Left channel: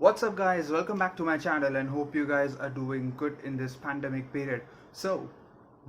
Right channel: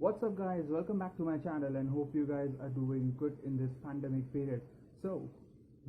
What's up guys, welcome back to my channel and hope you guys are doing good in this pandemic period. So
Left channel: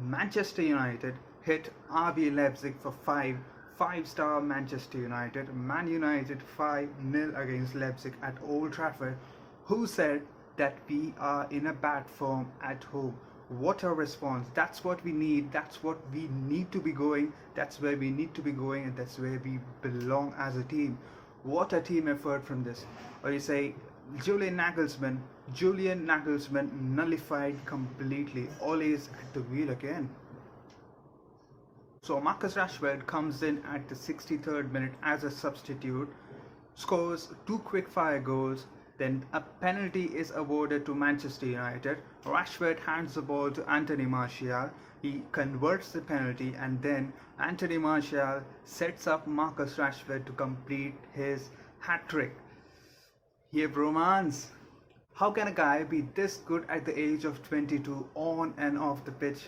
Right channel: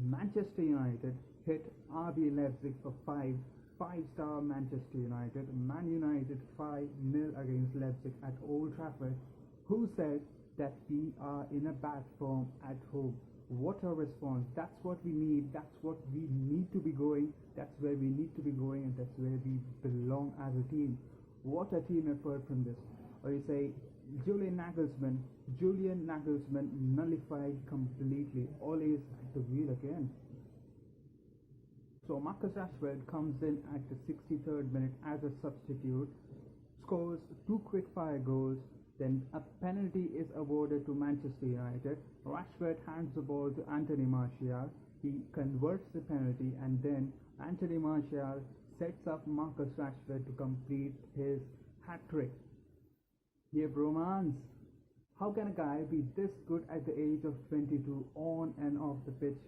Manchester United hit RB Leipzig for 5-star Manchester United. Man United 5-0 against Leipzig at Old Trafford. Who said that we are in a bad form at home? What a response. That's what we need. That's what we need to be going. That's where we need to be going, and that's where we belong as a team. What a team effort from this. Or you say Julian Nagelsmann nullified completely. Ole's at the wheel again. So Marcus Rashford comes in at the 63rd minute as a substitute, scores two quick-fire goals. Then a penalty is awarded to Manchester United. Rashford hands the ball to Anthony Martial. He converts the penalty, and then Anthony Martial sets up Marcus Rashford to complete his hat-trick. Yeah, bromance. How can a guy be this good at the age of 22 on and off the pitch?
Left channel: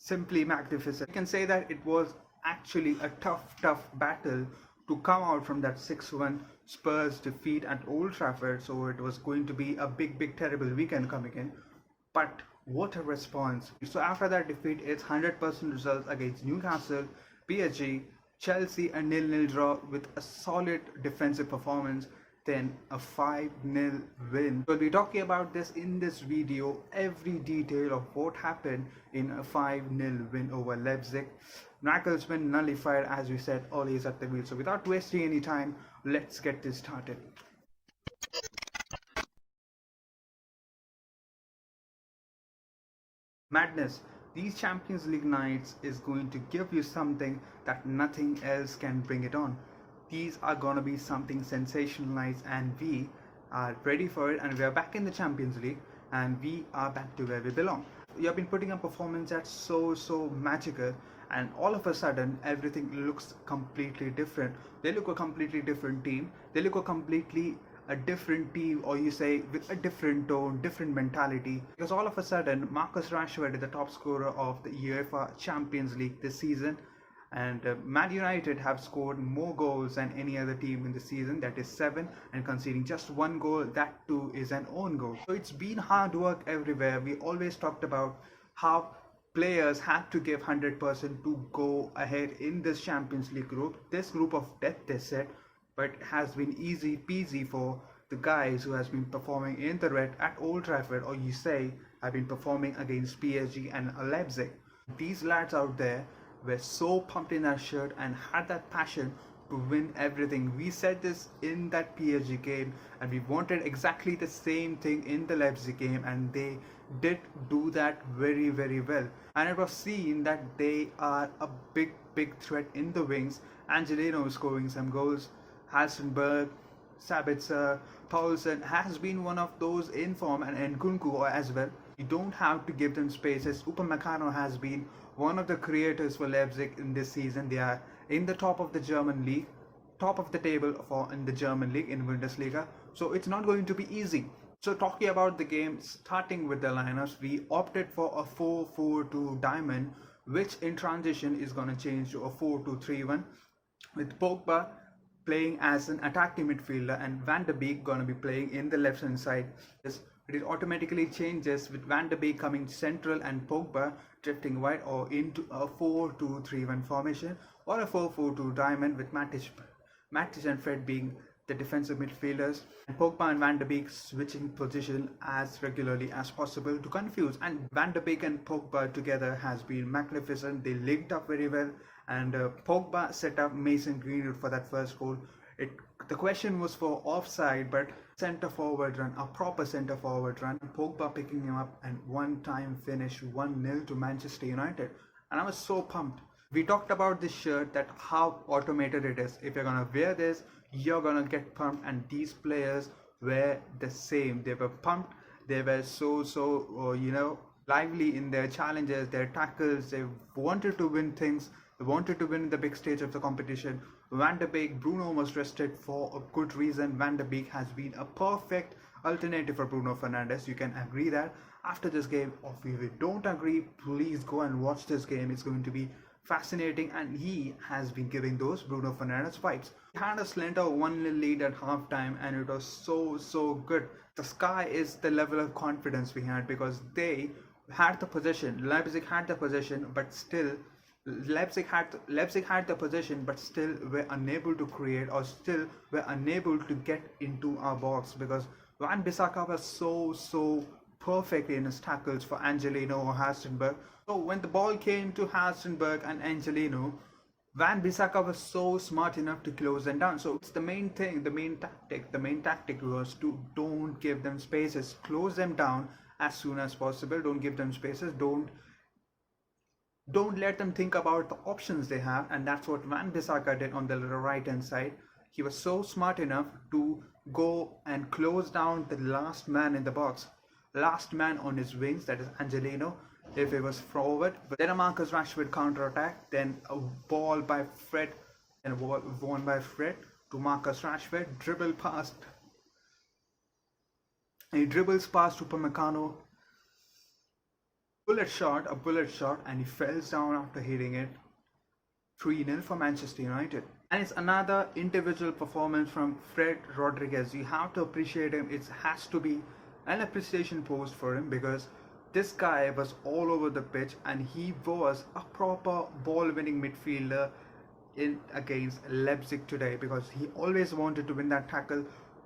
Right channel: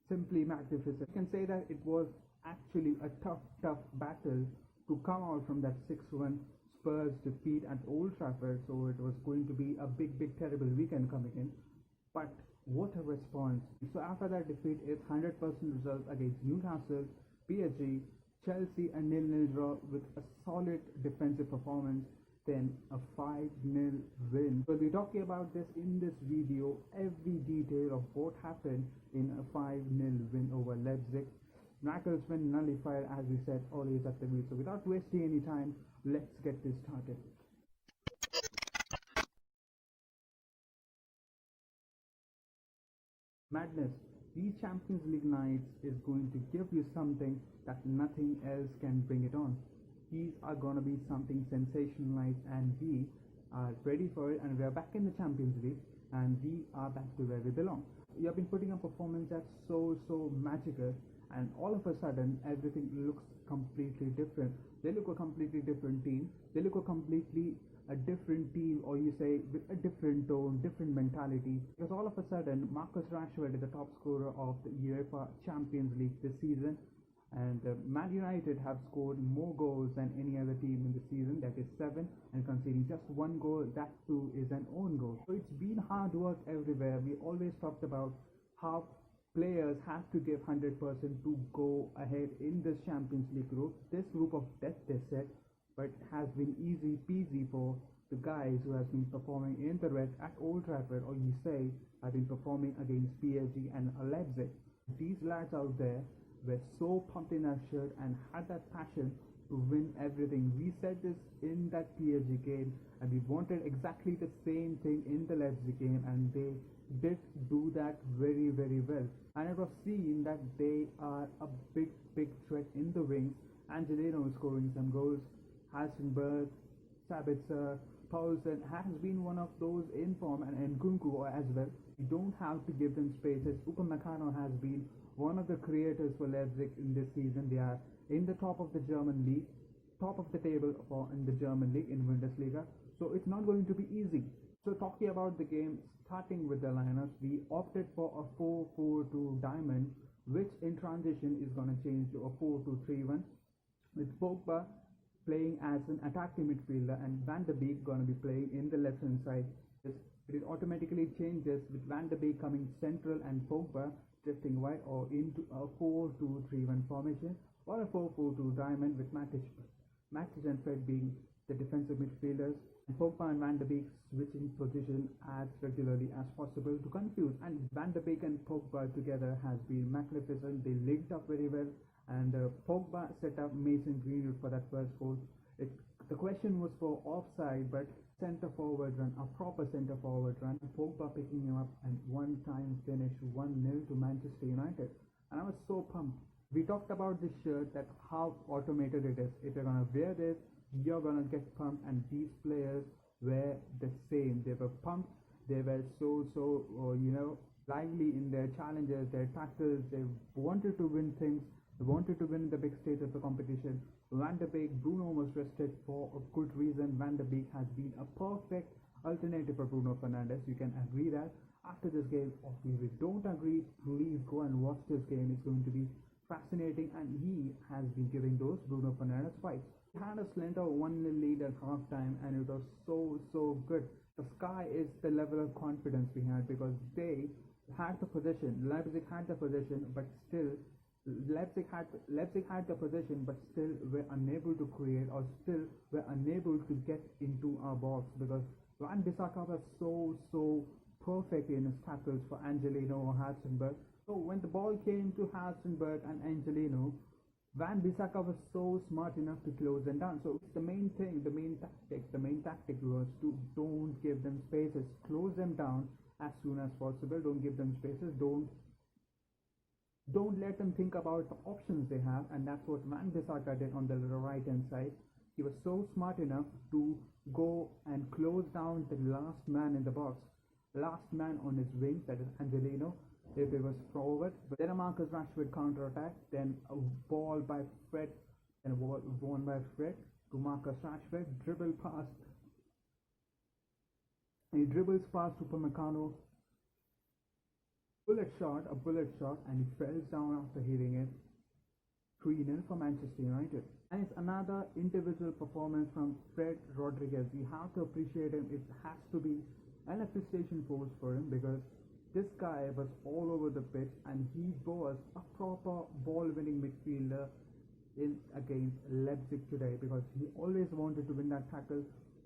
Simply magnificent. You can say that it was actually a tough battle to come out from that 6-1 Spurs defeat at Old Trafford. So it was going to be a big terrible weekend coming in. But what a response. So after that defeat, it's 100% results against Newcastle, PSG, Chelsea, a 0-0 draw with a solid defensive performance. Then a 5-0 win. We'll be talking about this in this video, every detail of what happened in a 5-0 win over Leipzig. Nagelsmann nullified, as we said, Ole's at the wheel. So without wasting any time, let's get this started. Madness. These Champions League nights is going to give you something that nothing else can bring it on. These are gonna be something sensationalized, and we are ready for it, and we are back in the Champions League, and we are back to where we belong. You have been putting a performance that's so magical, and all of a sudden everything looks completely different. They look a completely different team. They look a different team, or you say with a different tone, different mentality, because all of a sudden Marcus Rashford is the top scorer of the UEFA Champions League this season. And Man United have scored more goals than any other team in the season, that is 7, and conceding just 1 goal, that too is an own goal. So it's been hard work everywhere. We always talked about how players had to give 100% to go ahead in this Champions League group, this group of death they said, but it has been easy peasy for the guys who has been performing in the red at Old Trafford, or you say have been performing against PSG and Leipzig. These lads out there were so pumped in that shirt and had that passion to win everything. We said this in that PSG game, and we wanted exactly the same thing in the Leipzig game, and they did do that very well. And it was seen that they are a big threat in the wings. Angelino scoring some goals, Hassenberg, Sabitzer, Paulsen has been one of those in form, and Nkunku as well. You don't have to give them spaces. Upamecano has been one of the creators for Leipzig in this season. They are in the top of the German league, top of the table in the German league, in Bundesliga. So it's not going to be easy. So talking about the game, starting with the lineups, we opted for a 4-4-2 diamond, which in transition is going to change to a 4-2-3-1, with Pogba playing as an attacking midfielder and Van de Beek going to be playing in the left hand side. It automatically changes with Van de Beek coming central and Pogba drifting wide, or into a 4-2-3-1 formation, or a 4-4-2 diamond with Matic and Fred being the defensive midfielders, and Pogba and Van de Beek switching position as regularly as possible to confuse. And Van de Beek and Pogba together has been magnificent. They linked up very well, and Pogba set up Mason Greenwood for that first goal. The question was for offside, but centre forward run, a proper centre forward run, Pogba picking him up, and one-time finish, 1-0 to Manchester United. And I was so pumped. We talked about this shirt, that how automated it is. If you're gonna wear this, you're gonna get pumped, and these players were the same. They were pumped. They were so lively in their challenges, their tackles. They wanted to win things. They wanted to win the big stage of the competition. Van de Beek, Bruno was rested for a good reason. Van de Beek has been a perfect alternative for Bruno Fernandes. You can agree that. After this game, or if you don't agree, please go and watch this game. It's going to be fascinating, and he has been giving those Bruno Fernandes vibes. He had a slender 1-0 lead at halftime, and it was so good. The sky is the level of confidence we had, because they had the possession. Leipzig had the possession, but still Leipzig had the possession, but still were unable to create, or still were unable to get into our box, because Van Bissaka was so perfect in his tackles for Angelino or Hastenberg. So when the ball came to Hastenberg and Angelino, Van Bissaka was so smart enough to close them down. So it's the main thing, the main tactic was to don't give them spaces, close them down as soon as possible. Don't give them spaces, don't let them think about the options they have, and that's what Van Bissaka did on the right hand side. He was so smart enough to go and close down the last man in the box, last man on his wings, that is Angelino, if it was forward. But then a Marcus Rashford counter attack, then a ball by Fred, and a ball won by Fred to Marcus Rashford, he dribbles past Upamecano, a bullet shot, and he falls down after hitting it. 3-0 for Manchester United. And it's another individual performance from Fred Rodriguez. You have to appreciate him. It has to be an appreciation post for him, because this guy was all over the pitch, and he was a proper ball-winning midfielder in against Leipzig today, because he always wanted to win that tackle,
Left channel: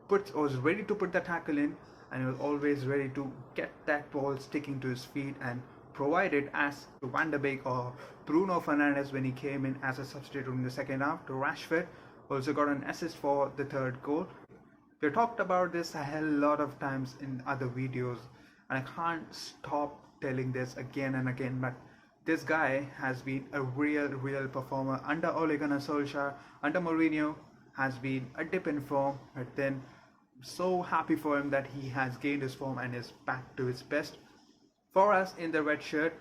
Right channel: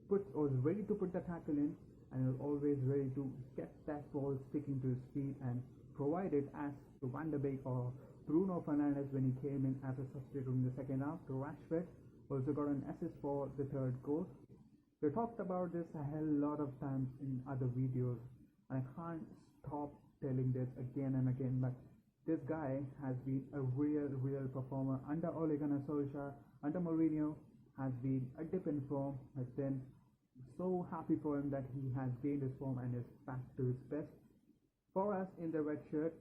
was ready to put the tackle in, and he was always ready to get that ball sticking to his feet and provide it as to Van der Beek or Bruno Fernandes when he came in as a substitute in the second half. To Rashford, also got an assist for the third goal. We talked about this a hell lot of times in other videos, and I can't stop telling this again and again, but this guy has been a real performer. Under Ole Gunnar Solskjaer, under Mourinho, has been a dip in form, but then so happy for him that he has gained his form and is back to his best. For us in the red shirt,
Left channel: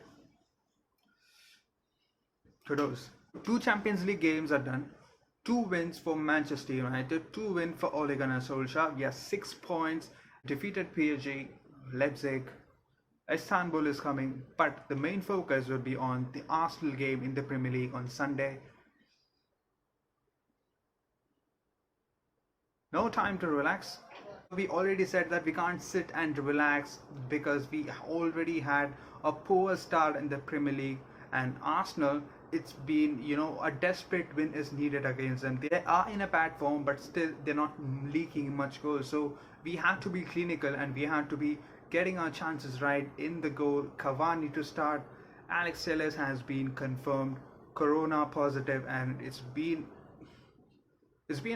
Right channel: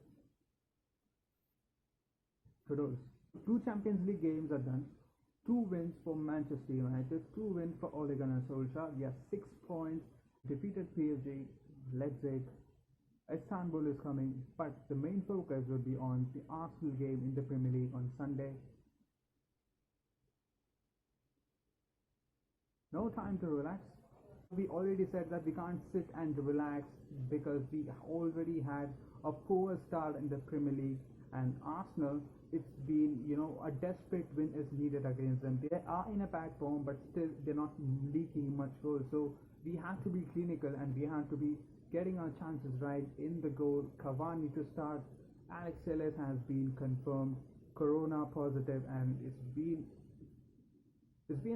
kudos. 2 Champions League games are done. 2 wins for Manchester United, 2 wins for Ole Gunnar Solskjaer. We have 6 points, defeated PSG, Leipzig, Istanbul is coming, but the main focus will be on the Arsenal game in the Premier League on Sunday. No time to relax. We already said that we can't sit and relax, because we already had a poor start in the Premier League, and Arsenal, it's been, a desperate win is needed against them. They are in a bad form, but still they're not leaking much goals. So we have to be clinical, and we have to be getting our chances right in the goal. Cavani to start. Alex Telles has been confirmed corona positive, and it's been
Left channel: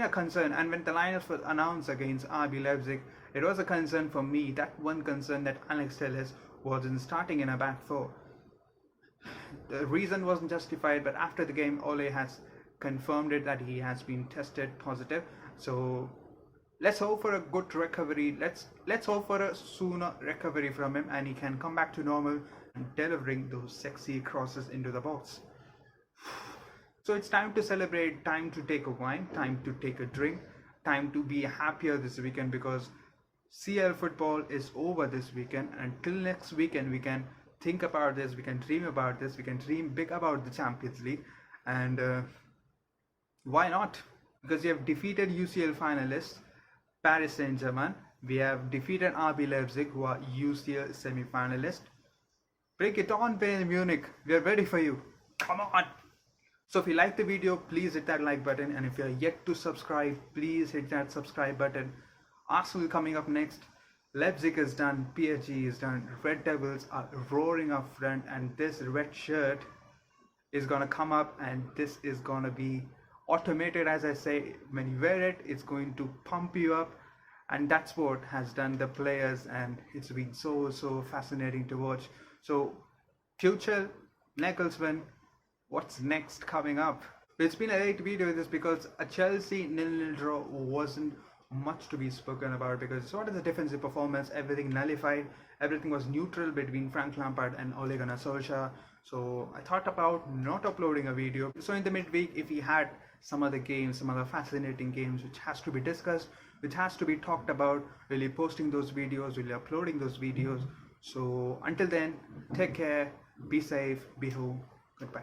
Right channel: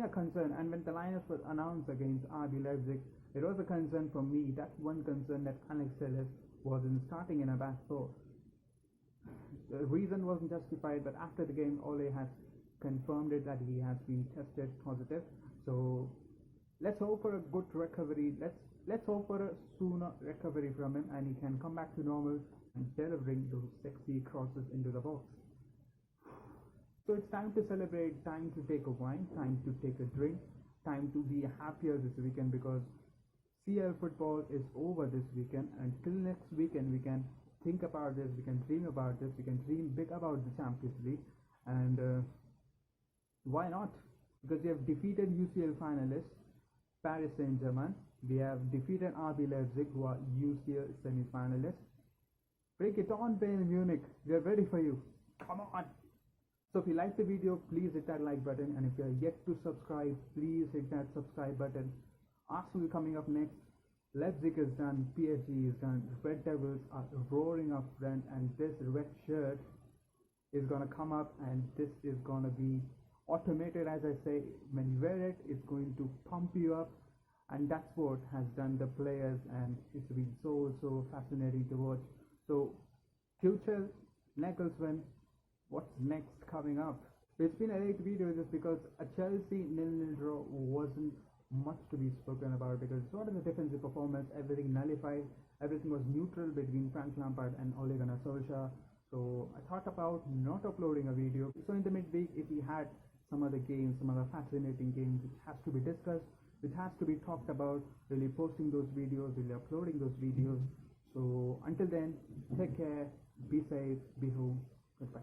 a concern. And when the lineup was announced against RB Leipzig, it was a concern for me, that one concern, that Alex Telles wasn't starting in a back four. The reason wasn't justified, but after the game, Ole has confirmed it that he has been tested positive. So let's hope for a good recovery. Let's hope for a sooner recovery from him, and he can come back to normal and delivering those sexy crosses into the box. So it's time to celebrate, time to take a wine, time to take a drink, time to be happier this weekend, because CL football is over this weekend. Until next weekend, we can think about this, we can dream about this, we can dream big about the Champions League. And why not? Because we have defeated UCL finalists Paris Saint-Germain, we have defeated RB Leipzig, who are UCL semi-finalists. Break it on, Bayern Munich, we are ready for you, come on. So if you like the video, please hit that like button, and if you are yet to subscribe, please hit that subscribe button. Arsenal coming up next, Leipzig is done, PSG is done, Red Devils are roaring up front, and this red shirt is gonna come up, and this is gonna be automated. As I say, when you wear it, it's going to pump you up, and that's what has done the players, and it's been so fascinating to watch. So Tuchel, Nagelsmann, what's next coming up? It's been a late video this because a Chelsea 0-0 draw wasn't much to be spoken about, because it's sort of the defensive performance, everything nullified, everything was neutral between Frank Lampard and Ole Gunnar Solskjaer. So I thought about not uploading a video. So in the midweek, if we had some other games, some other fascinating games which has to be discussed, which has to be talked about, we'll be posting those videos, we'll be uploading those videos. So until then, take care, be safe, be home, goodbye.